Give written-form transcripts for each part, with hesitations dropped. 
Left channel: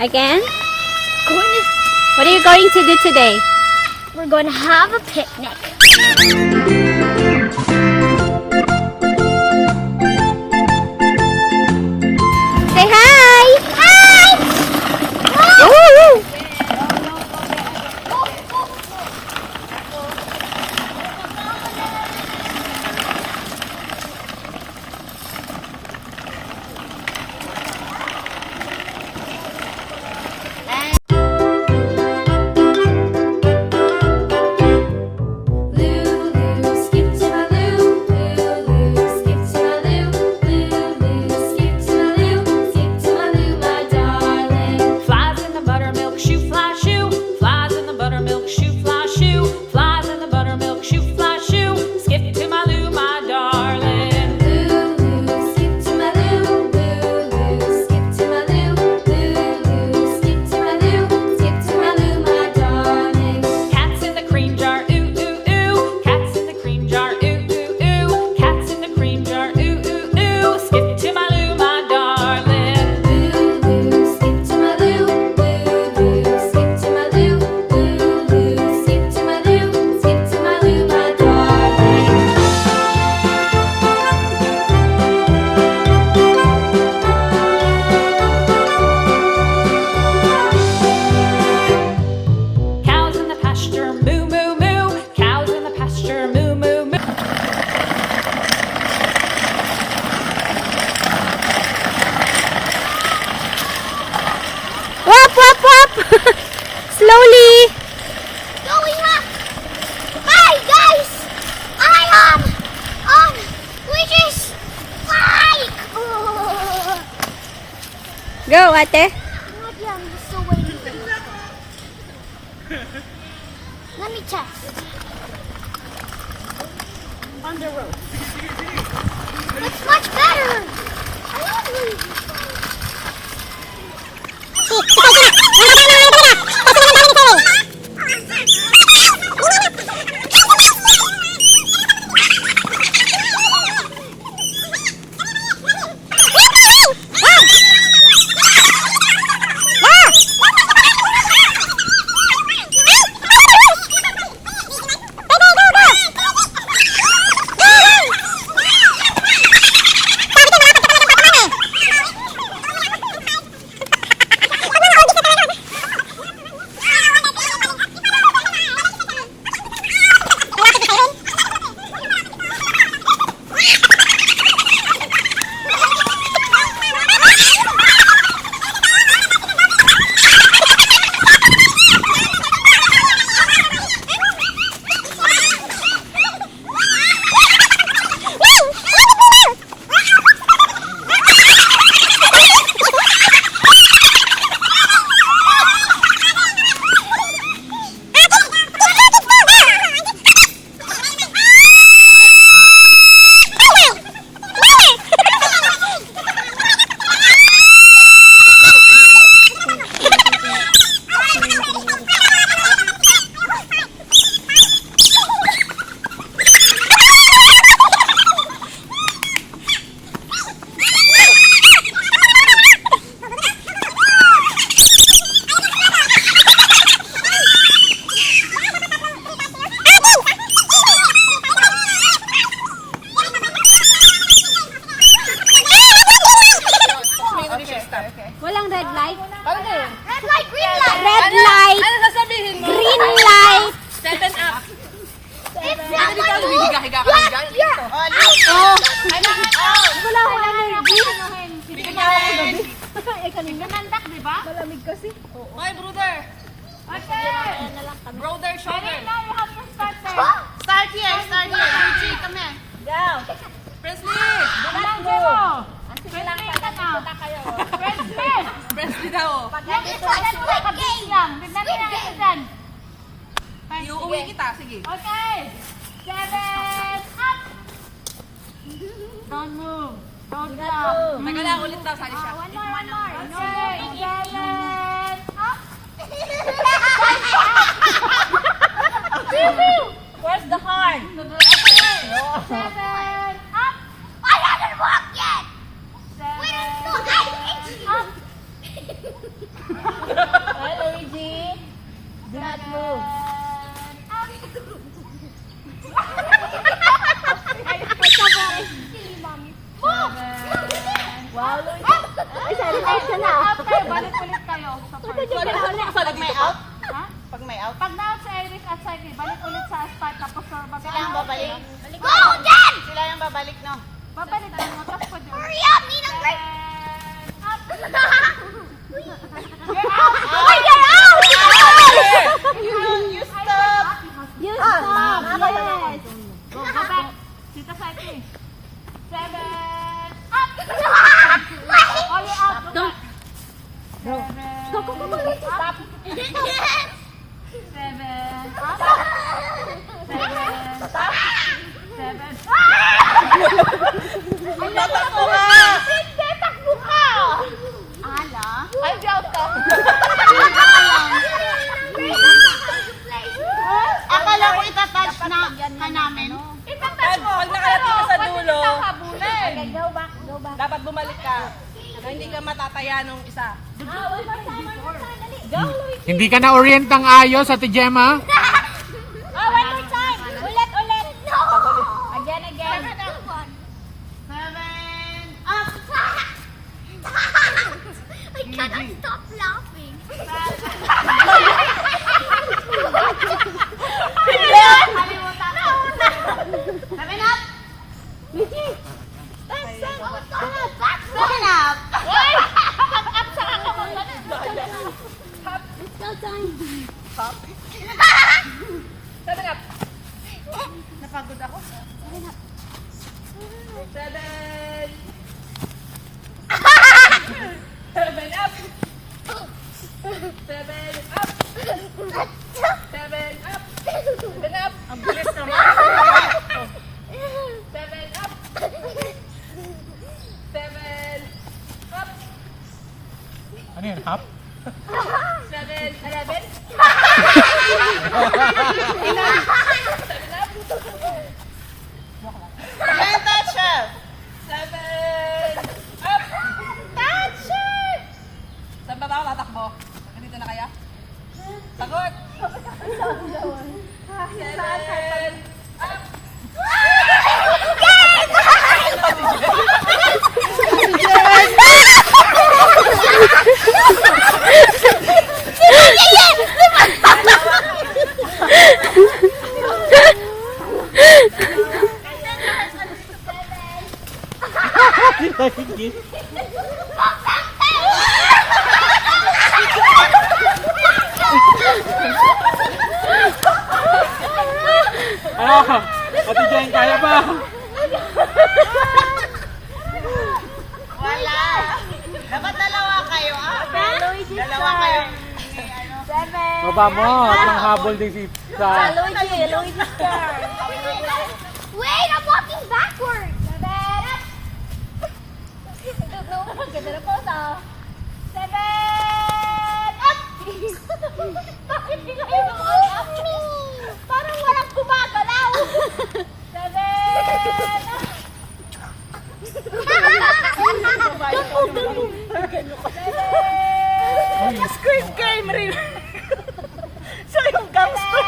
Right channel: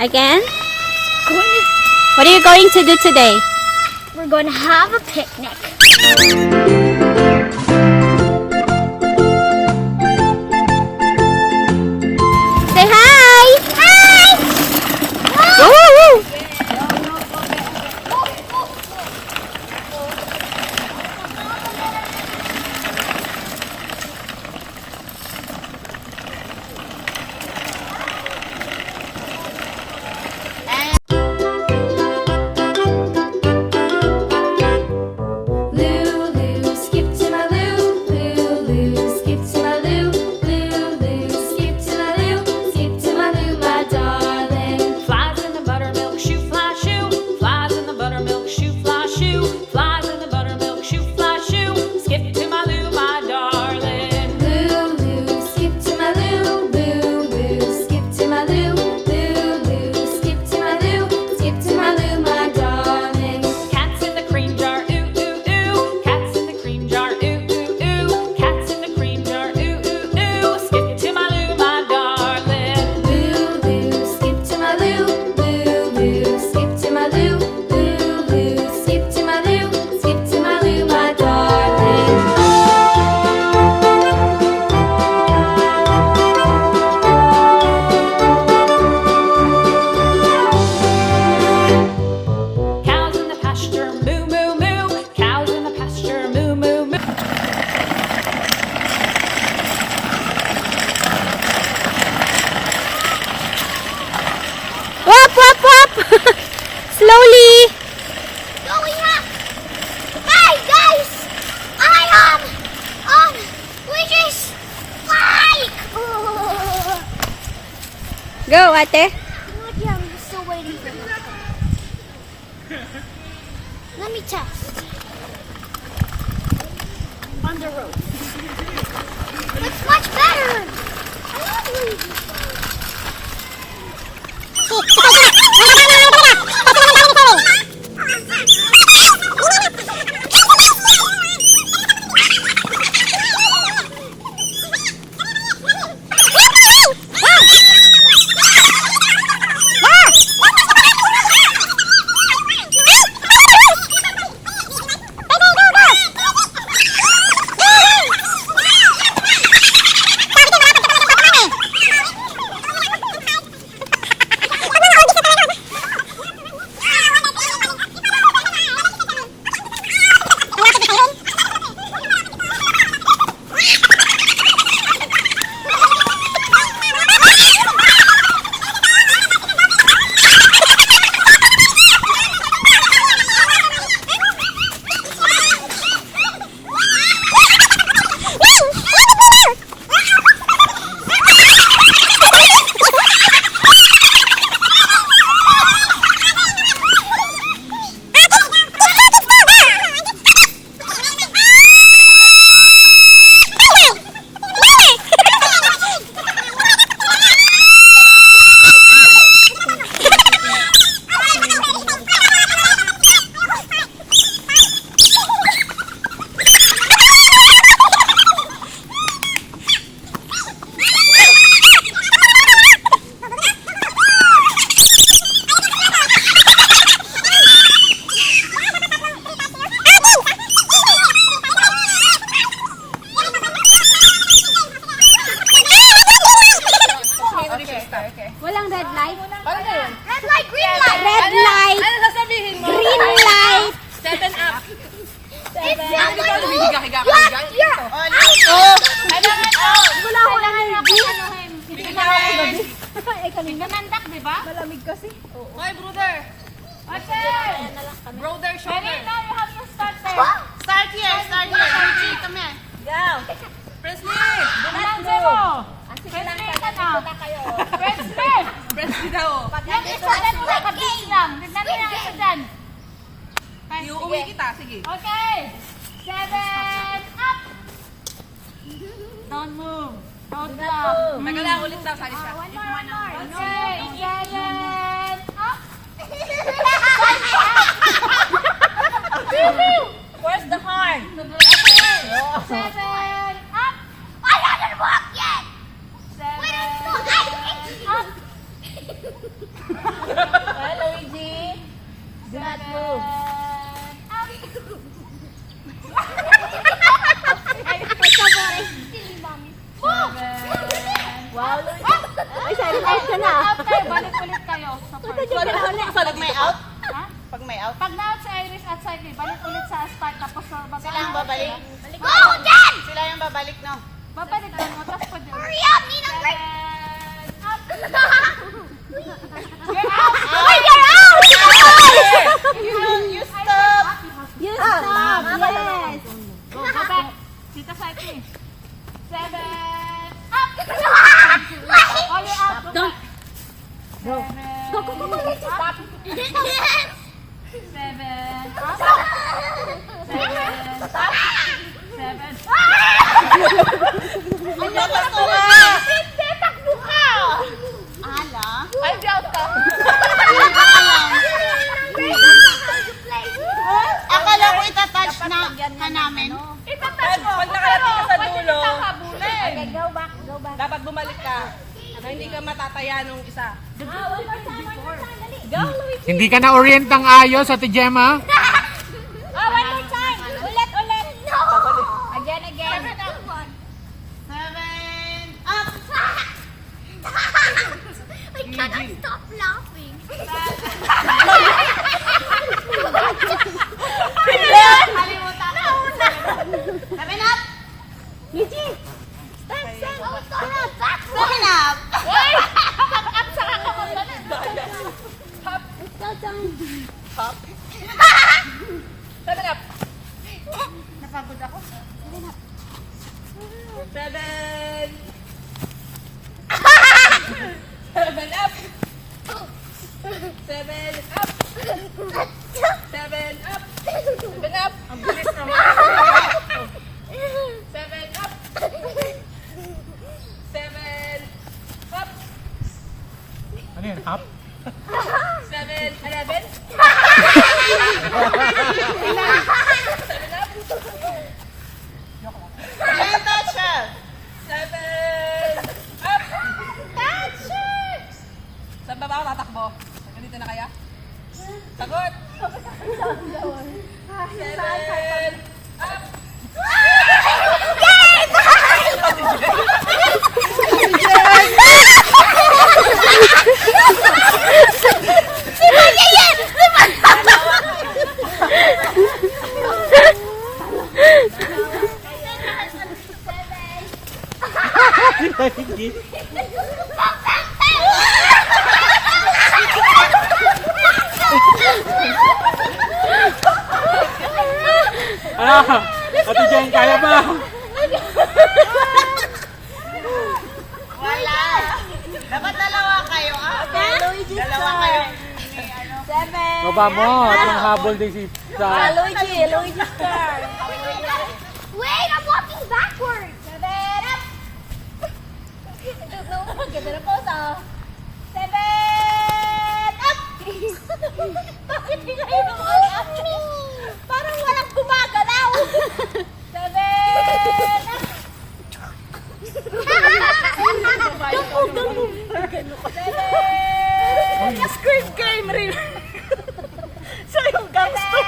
Again? Going What are you going to do today? we're going to have a picnic. Say hi! Hi! Woo, woo. Lulu, skip to my loo. Lulu, skip to my loo. Lulu, skip to my loo. Skip to my loo, my darling. Flies in the buttermilk shoe, fly shoe. Flies in the buttermilk shoe, fly shoe. Flies in the buttermilk shoe, fly shoe. Skip to my loo, my darling. Lulu, skip to my loo. Lulu, skip to my loo. Lulu, skip to my loo. Skip to my loo, my darling. Cats in the cream jar, ooh ooh ooh. Cats in the cream jar, ooh ooh ooh. Cats in the cream jar, ooh ooh ooh. Skip to my loo, my darling. Lulu, skip to my loo. Lulu, skip to my loo. Lulu, skip to my loo. Skip to my loo, my darling. Cows in the pasture, moo moo moo. Cows in the pasture, moo moo moo. Wop, wop, wop! Slowly! Going up! Hey guys! I we just bike! Go, ate. Not yet, I'm still waiting for him. Let me test. On the road. It's much better! I love you! Walang red light? Red light, green light! Red light! Ano sasabihin mo? Green light! 7 up. If someone moves, you're out! Wala akong energy. Hindi na ako gabi. Eh, kanina. Malamig kasi. Hi, brother. Brother, shoulder. Start here. Luigi, come here. Presley. Presley daw. Iuwi kita, sige. Okay. 7 up. Don't move. Don't move. Magala ulit daw sa isa. Where's the horn? 7 up. I haven't walked yet. Wait, I'm still Sasali dito pa? Pag may out? Pag na si Iris at Saidi, balik ulit sa start tapos sa Sila ang babalik. Go, Jen! Sila yung babalik, no? Babalik mo, tapos pwede. Hurry up, Ninang break! Oh, you're out! You stop! Tita Saidi. 7. Don't. Go. Stop. 7. Tatakbo ka! Hindi, takbo ka! Ay, di out ka. Akala ko itatouch na ka namin. Itatouch mo, Pag nakarating ka sa pwede dulo, kitang habulin. Go back, go back. dapat bumalik ka. Na hindi ka matataya nung isa. One more time, dali. Go, Luigi. Hindi ka na-orient ng ayos, Ate Gemma. Oh, one more time. Ulit. No. Again. 7. Up. I cannot stop laughing. Seven up. Luigi. Seven up. Let's go, time. Napagod ako. 7. 7 up. 7 up. 7 up. 7 up. Ang bilis naman. 7 up. 7 up. Ano yun, hap? 7, 11. Ayun, touch siya. 7 up. Touch it! Saan ba ako tatakbo? Ganito na kaya? Sagot! 7 up. Ah, Ate Jen, kaya ba? Wala. Dapat dalawa kayo, Dalawa kayo. Baba mo at nanghabol din si sa... Luigi star. Wait, I'm walking backwards. I don't know. Ganda na pose, ah. 7 up. Bakit di kayo up? Parang walang gumagalaw. 7 up. Squid Game rin. Siya yung gangster.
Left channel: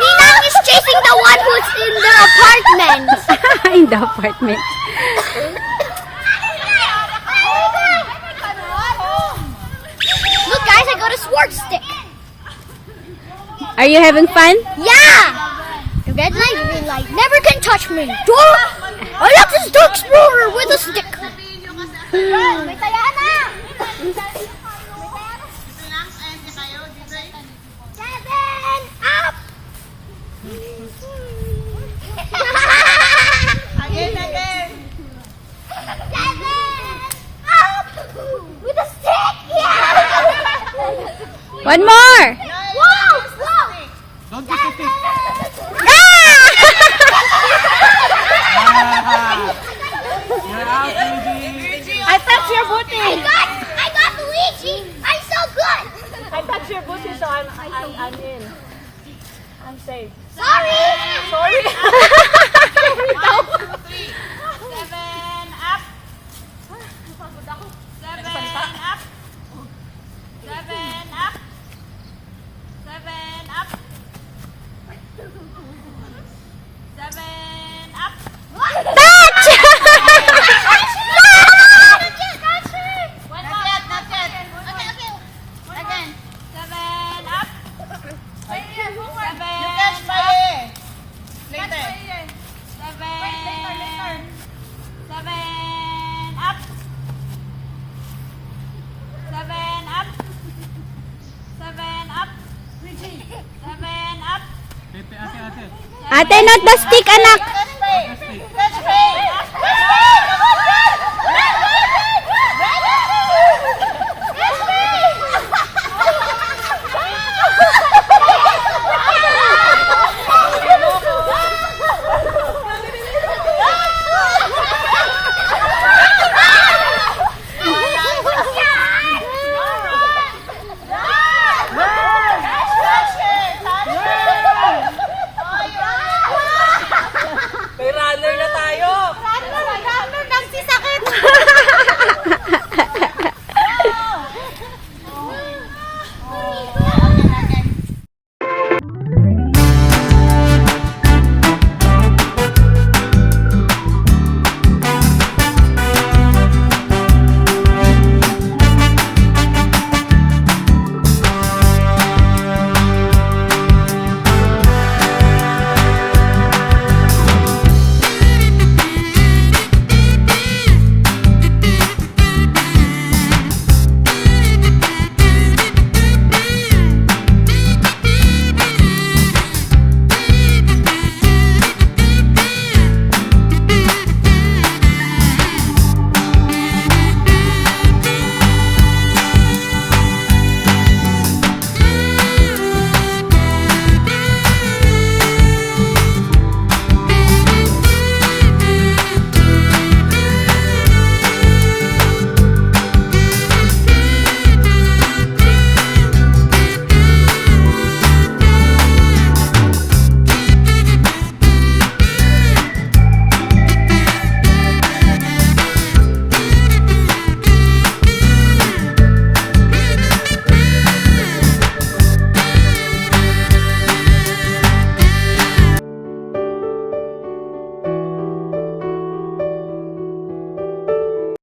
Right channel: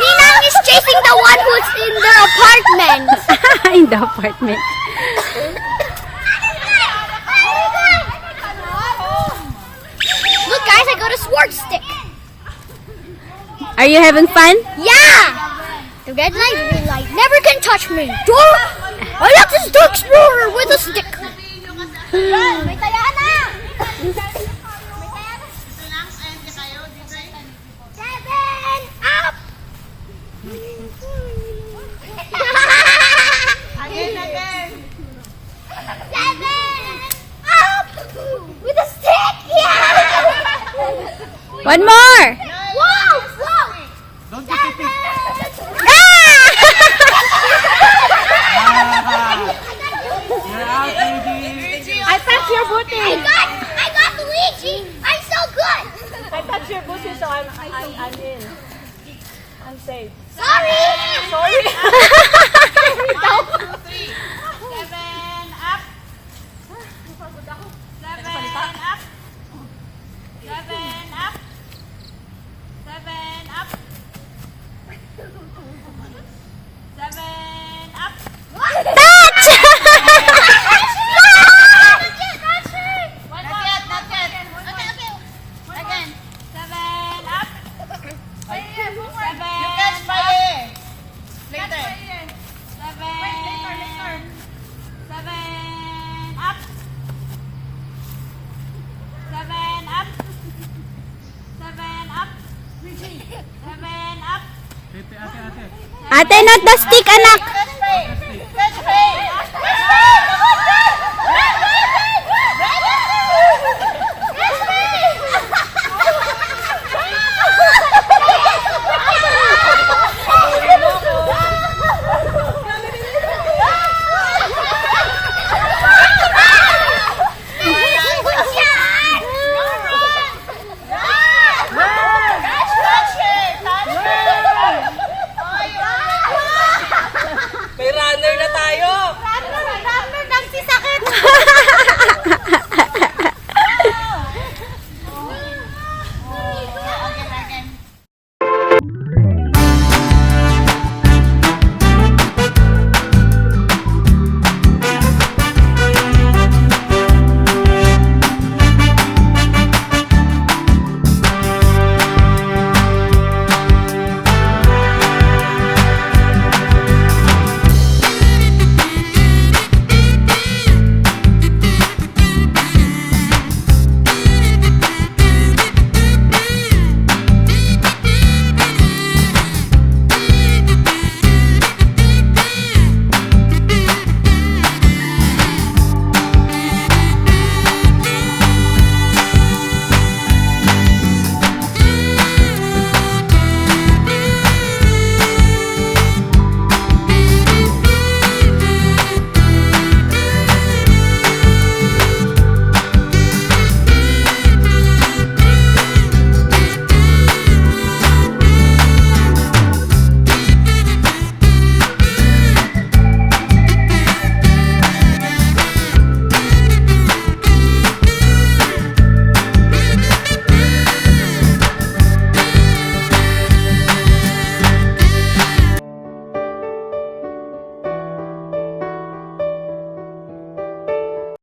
Ninang is chasing the one who's in the apartment. In the apartment. Look, guys, I got a sword stick. Are you having fun? Yeah. The red light, green light, never can touch me. I am this dark explorer with a stick. May taya na. 7 up. Again. 7 up. With a stick. Yeah. One more. Whoa, whoa. 7. I touched your booty. I got Luigi. I'm so good. I touch your booty, so I'm in. I'm safe. Sorry. Sorry. 7 up. 7 up. 7 up. Ate, not the stick, anak.